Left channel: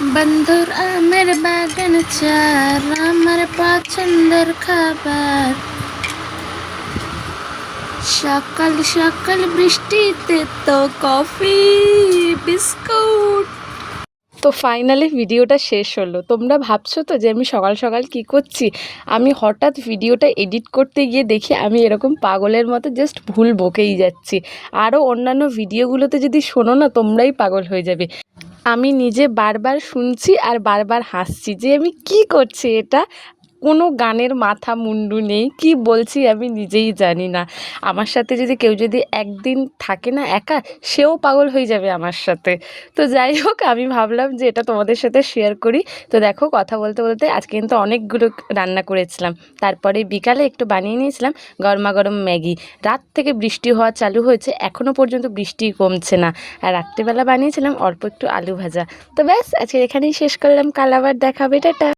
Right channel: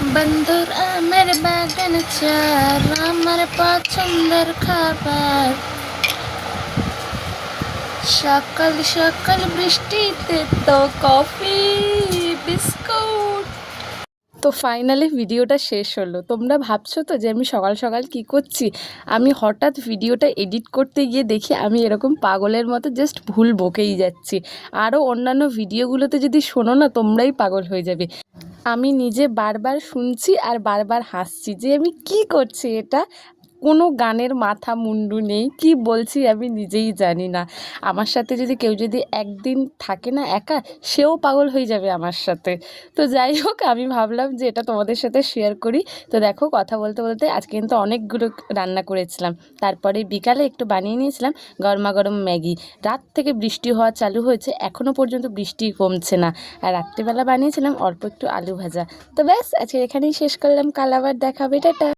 বন্ধুর আমের বাগান চার আমার পছন্দের খাবার। সকাল সকাল বৃষ্টিতে তো কফি বিস্কুট। তো ফাইনালি ভিডিওটা শেষ হলো। তোমরা ভাবছো তো যে আমি সকাল সকাল কি করছি। আমি হঠাৎ ভিডিওটা এডিট করতে গিয়ে দেখি আমি এরকম পাগলের মতো জাস্ট ভুল বকেই যাচ্ছি। আরও অন্যান্য ভিডিওগুলোতে যদি শোনো না তোমরাই পাগল হয়ে যাবে। আমি নিজে বারবার শুনছি আর বারবার হাসছি যে আমি কি করছি এটা। কোনো গানের মাথা মুন্ডু নেই, কি বলছি আমি নিজেই জানি না। আমার সাথে যদি কেউ যদি একদিন থাকে না একা, সেও পাগল হয়ে যাবে আমার সাথে। তো যাই হোক, আমি ভাবলাম যে এটা তোমাদের সাথে শেয়ার করি। তো দেখো, কথা বলতে বলতে আজকে কিন্তু অনেকগুলো রান্না করেছিলাম। তারপরে বিকালে একটু বানিয়ে নিয়েছিলাম গরমা গরম ম্যাগি। রাত থেকে বৃষ্টি হওয়া চালু হয়েছে, এখনও পর্যন্ত বৃষ্টি কমছে না। আর রাত্রেবেলা বানিয়েছিলাম অল্প একটু আলু ভাজা। তো ব্যাস, আজকে এখানেই শেষ করলাম। কাল আবার দেখা হবে, টাটা।